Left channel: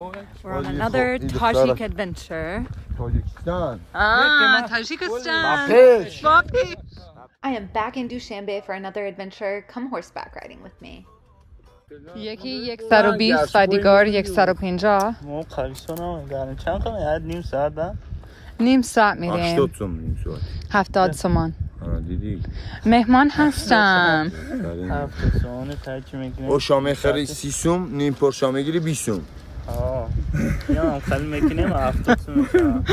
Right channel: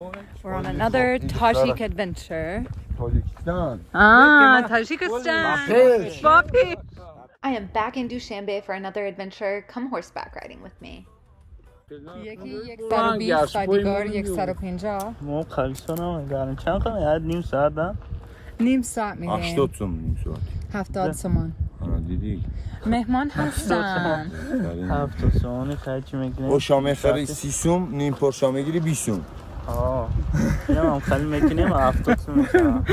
We're on another Tajik adventure. Tajikistan. I am back in Dushanbe for another adventure. Come horseback riding with me. یکی 120 و دیگر 150. نیم ساعت میریم. 70 تومان. دیدی مهمان هستم. او شام خری 30 سوم نیم پر شام میگیری 20 سوم. یا خیلی میکنیم 70 تومان.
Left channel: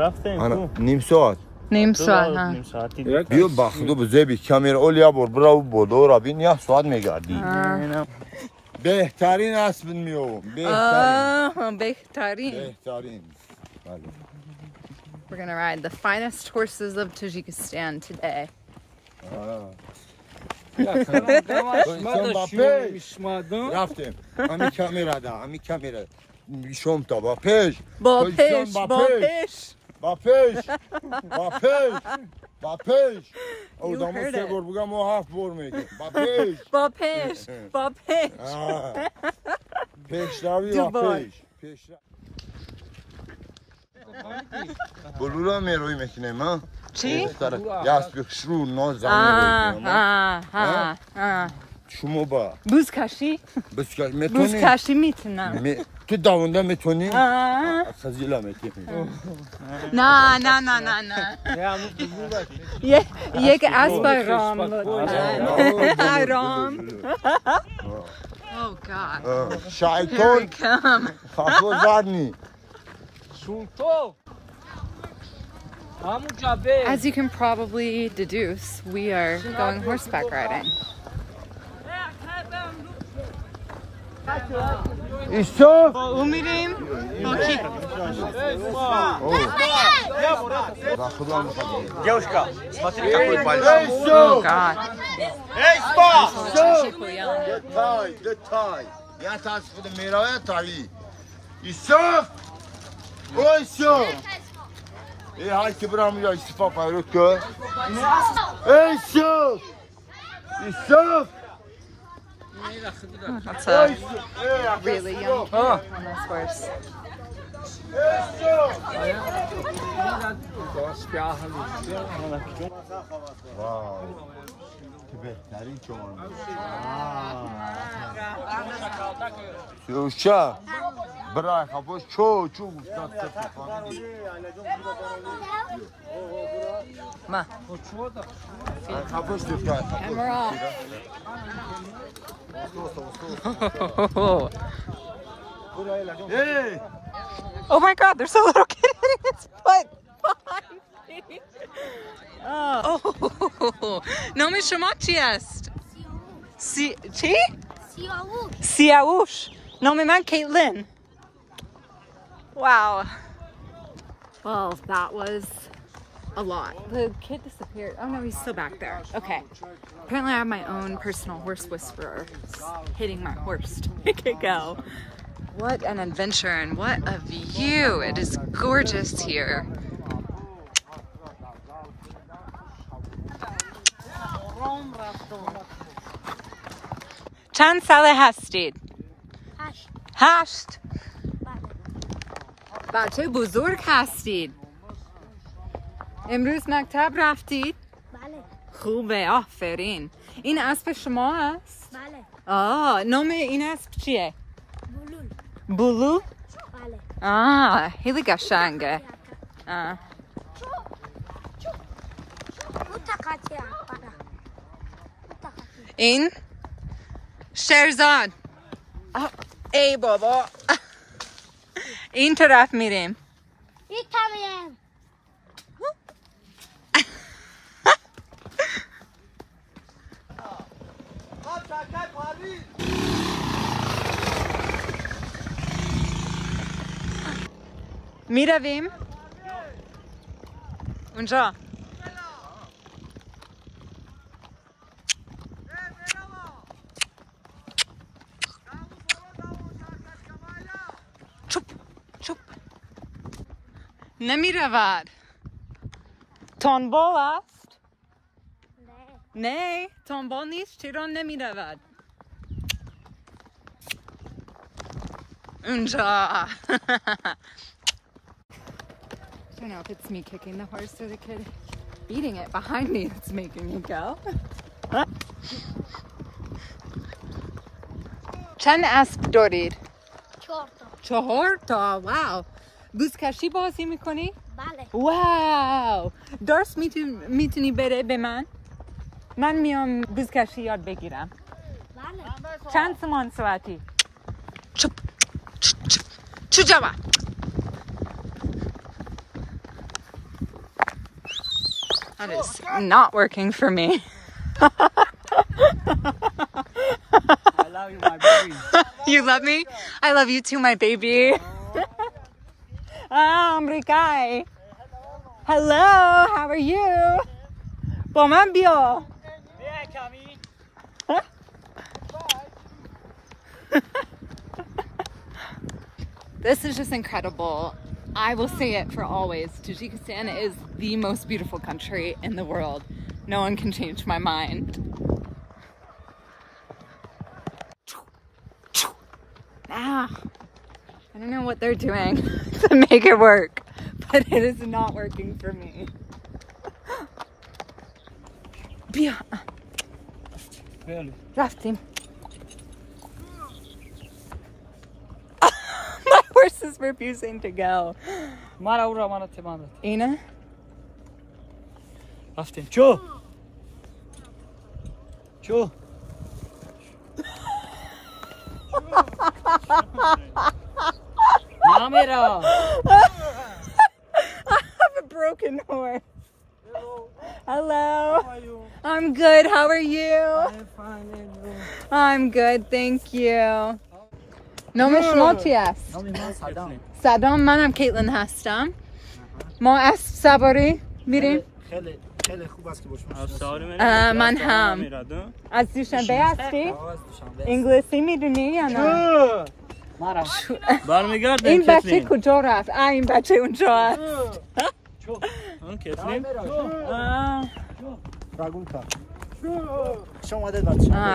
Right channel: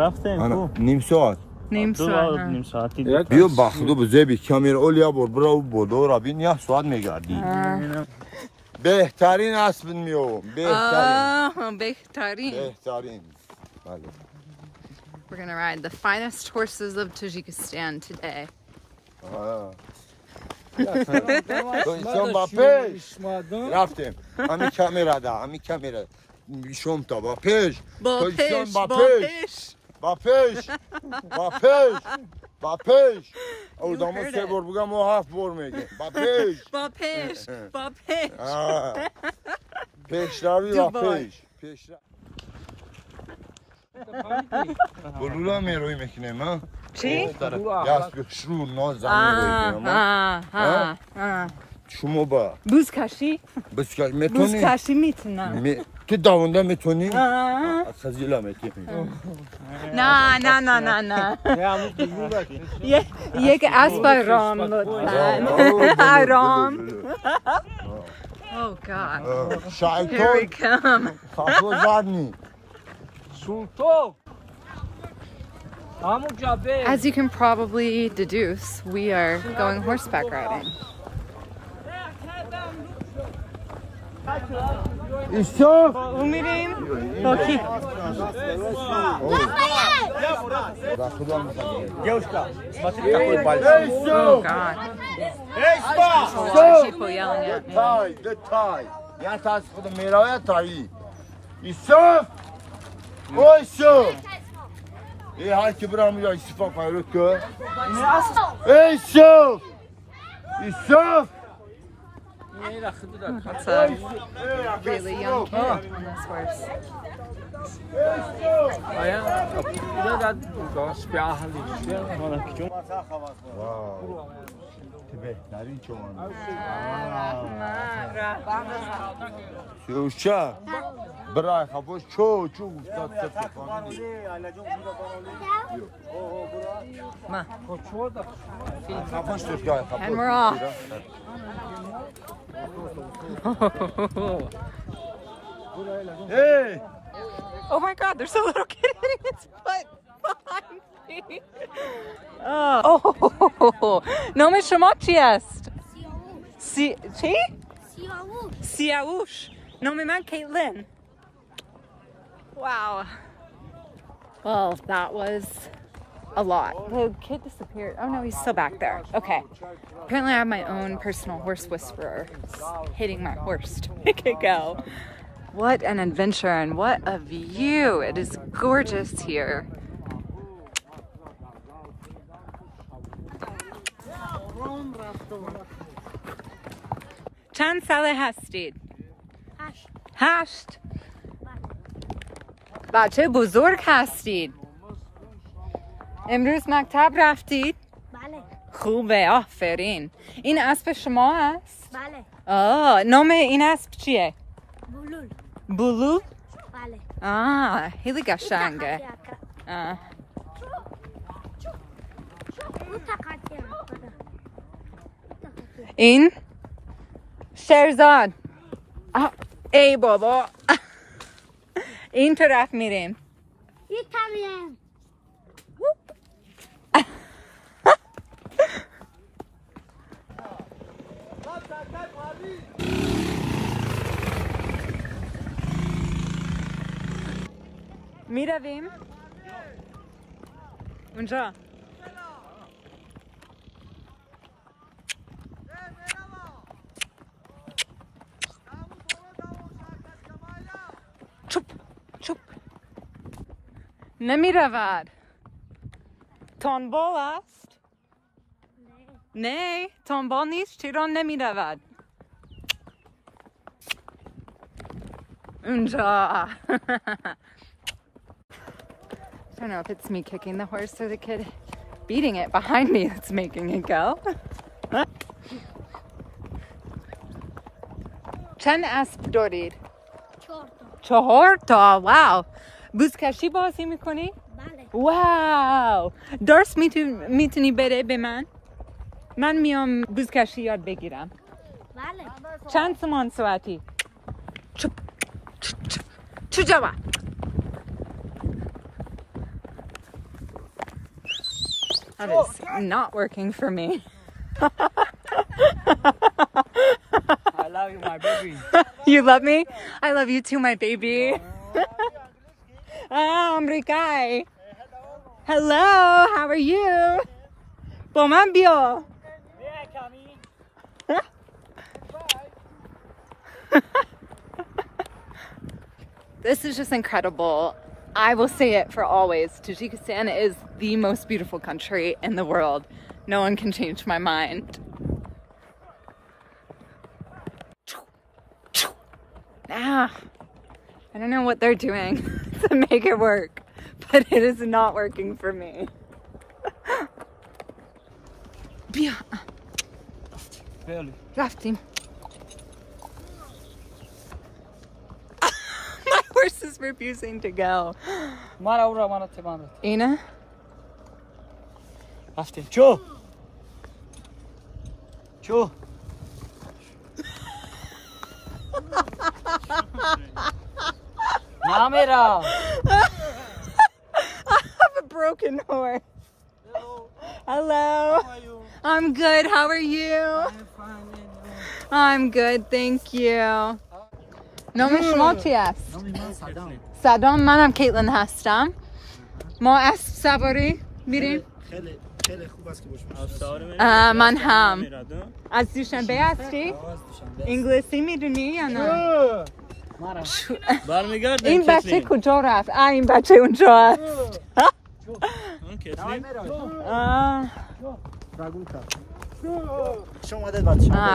رفتیم نیم ساعت. نیم ساعت. بیا بخدو بزبی کامیر اولیا برو بودو را بین یا ساعت میگردی. بهترین اسب میو. بهترین. We're gonna ride the finest horses of Tajikistan today. رفتیم. همین کامیرا. شوم تا با پیش. با پیش. او دامو سه بار بگم و 7 بار میگم. با پیش. پیش روی با پیش. بلولا میروی میکنیم ها؟ چی؟ یاس بخشرو نو زن میروی شما با بوزکشی میتونم تو داونده میتونی؟ خزیلا میتونی نه یک اسب رام لطفاً رام Oh God, here we come. As you can probably deduce, we are going horseback riding. Oh God. There's a lot of people yelling at me. That's a really young kid on this horse. Wow. بهترین چون سیوشا برای خبوش چو گفتاد سفت فهمیدی ما خبوش and we're off. Hey! Oh my God, there's a little kid hitting its foot behind me. Oh, نام شما چی است؟ چی؟ سیاوش. نام من کیتلین. Wow. Well, that was a lot. The kid disappeared. Oh no, he's still back there. Okay. Apparently I have my own personal horse whisperer hitting my horse to make it go. What an adventure and what a view. It is gorgeous here. چند ساله هستید؟ 8. بچه بزرگ هستید. امروز مکتب رفتید؟ بله. خوبه، آفرین. این اسب شما هست؟ بله. نام این اسب چیه؟ بولو؟ بله. خیلی قشنگه. این شرزاد. ای بابا. این طرف میریم. میتونیم. میرویم اونجا. چوب نمیرود. تنبال است؟ نه تنبال نیست. چرا نمیرود؟ Unja. I don't know if it's me kicking the horse or the kid beating it behind me that's making it go. Chan asp dorid. Chahorta. Wow. Buzkashi bazi mikoni? Bale. Wow. Dars mituni bere be man? Man miam buzkashi yad begiram. Bale. Chan saman swati. Chup. Chujawa. That is not working for me. I love you, my baby. You love me? I love you too, my baby. Amrikai. Hello, how are you? Bomambio. This is just incredible. I will say it for always. Tajikistan is the most beautiful country in the world. No one can change my mind. Ah, I don't know what they're doing to make it work, but it is not working for me. Rafting. My horse is refusing to go. Ina? Cho. Cho. I have a broken horse. Hello. How are you? I'm good. How are you? I'm fine, and you? I'm good. Thank you. نام شما چی است؟ نام من صدام. صدام. منم کیتلین هستم. ما اسب سواری میریم. خیلی خوب است که من هم. از دوشنبه هستی؟ انگلیسی میدونی یا نه؟ این بچه کجا رفت؟ این بچه اونجا است.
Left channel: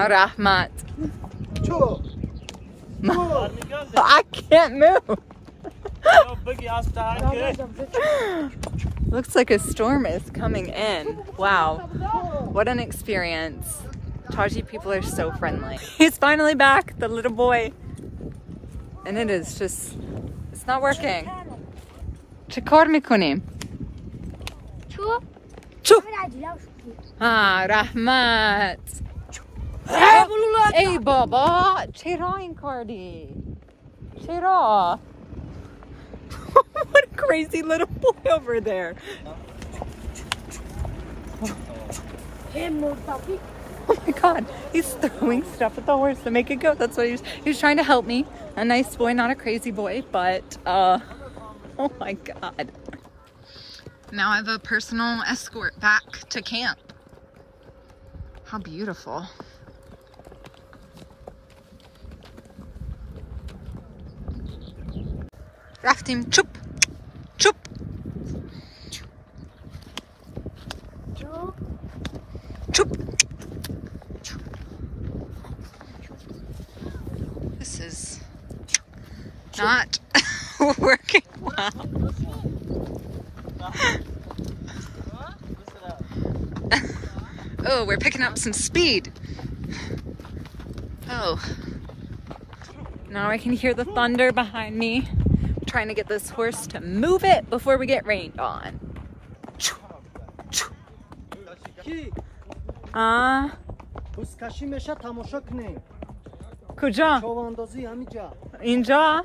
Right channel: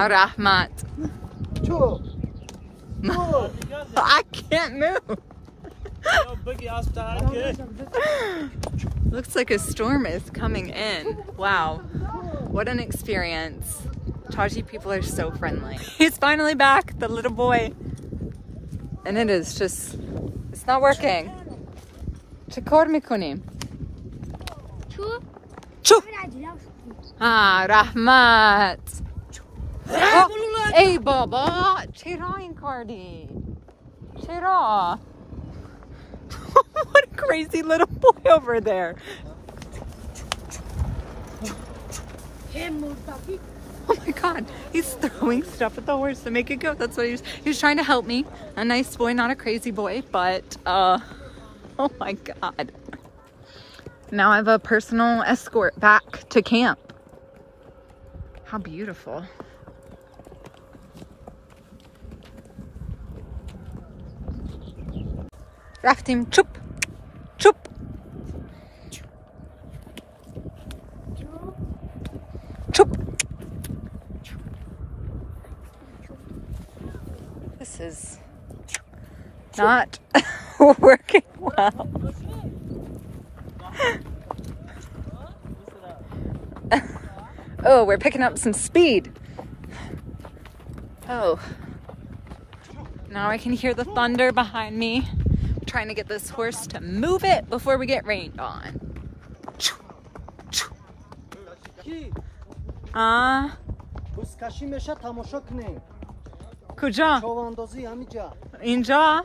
رحمت. I can't move. Looks like a storm is coming in. Wow, what an experience. Taji people are so friendly. He's finally back, the little boy. And it is just, it's not working. Chikar mikunim. Chu. Rahmat. Ey baba, چرا این کردی؟ چرا? What a crazy little boy over there. Oh my god, he's throwing stuff at the horse to make it go. That's what he was trying to help me. A nice boy, not a crazy boy, but oh my god. Now I have a personal escort back to camp. How beautiful. رفتیم چوب چوب. چوب. This is not working well. Oh, we're picking up some speed. Oh, now I can hear the thunder behind me. Trying to get this horse to move it before we get rained on. کجا؟ اینجا؟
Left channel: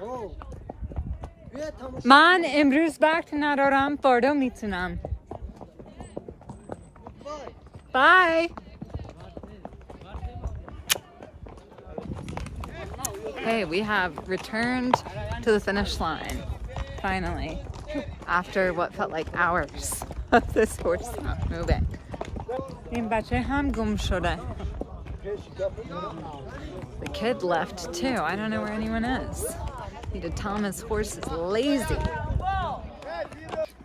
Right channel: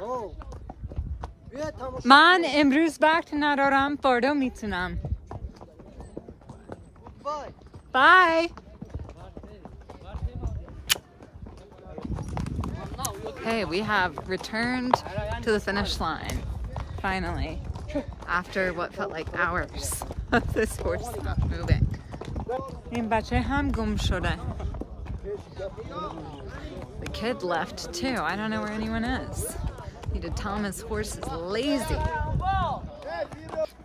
من امروز وقت ندارم، فردا میتونم. Bye. Okay, we have returned to the finish line, finally, after what felt like hours of this horse not moving. The kid left too. I don't know where anyone is. Need to tell him his horse is lazy.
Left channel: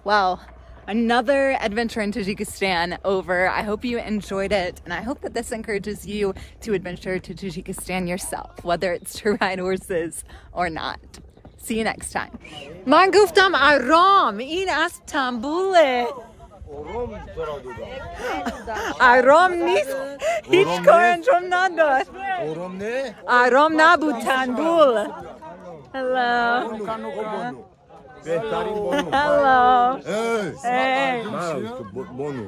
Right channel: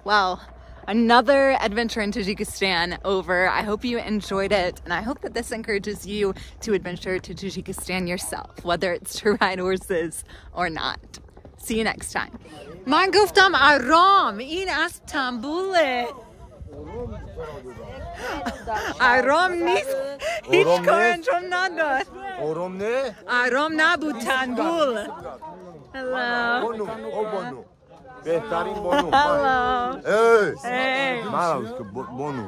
Well, another adventure in Tajikistan over. I hope you enjoyed it, and I hope that this encourages you to adventure to Tajikistan yourself, whether it's to ride horses or not. See you next time. من گفتم آرام این از تنبوله. آرام نیست هیچ کار انجام نداد. آرام نبود تنبول. Hello. Hello. Hey. Maravilhoso, bonu.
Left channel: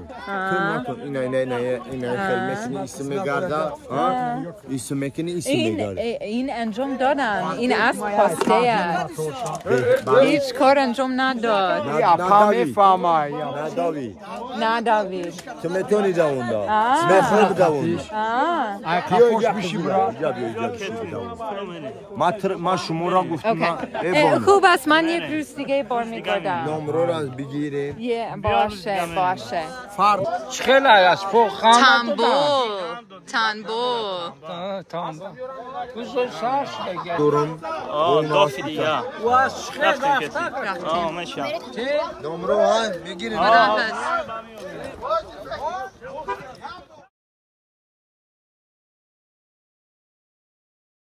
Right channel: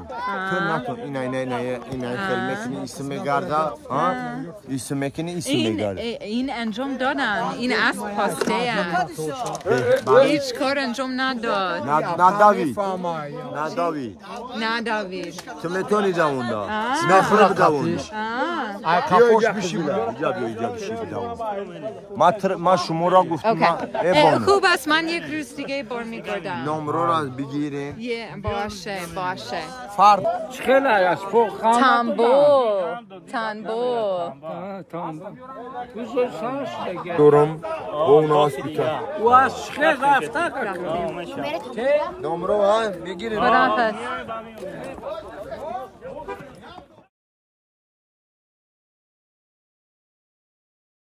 اینا خیلی اسم گردا. اسم مکنی اسم گردا. این انجام دادم. این از پاسته است. هیچ کار انجام نداد. نه داوید. تو میتونی جووندا. نه خراب جوونی. کاپوش میشی برا. ما شما را گفتم. خوب است من یک روز دیگه بار میگردم. نمره را بگیرید. باشه. خیلی از فوق. تنبول. دورم اون هاسپیتال. رفتیم. نمره ها بگیرید. خداحافظ.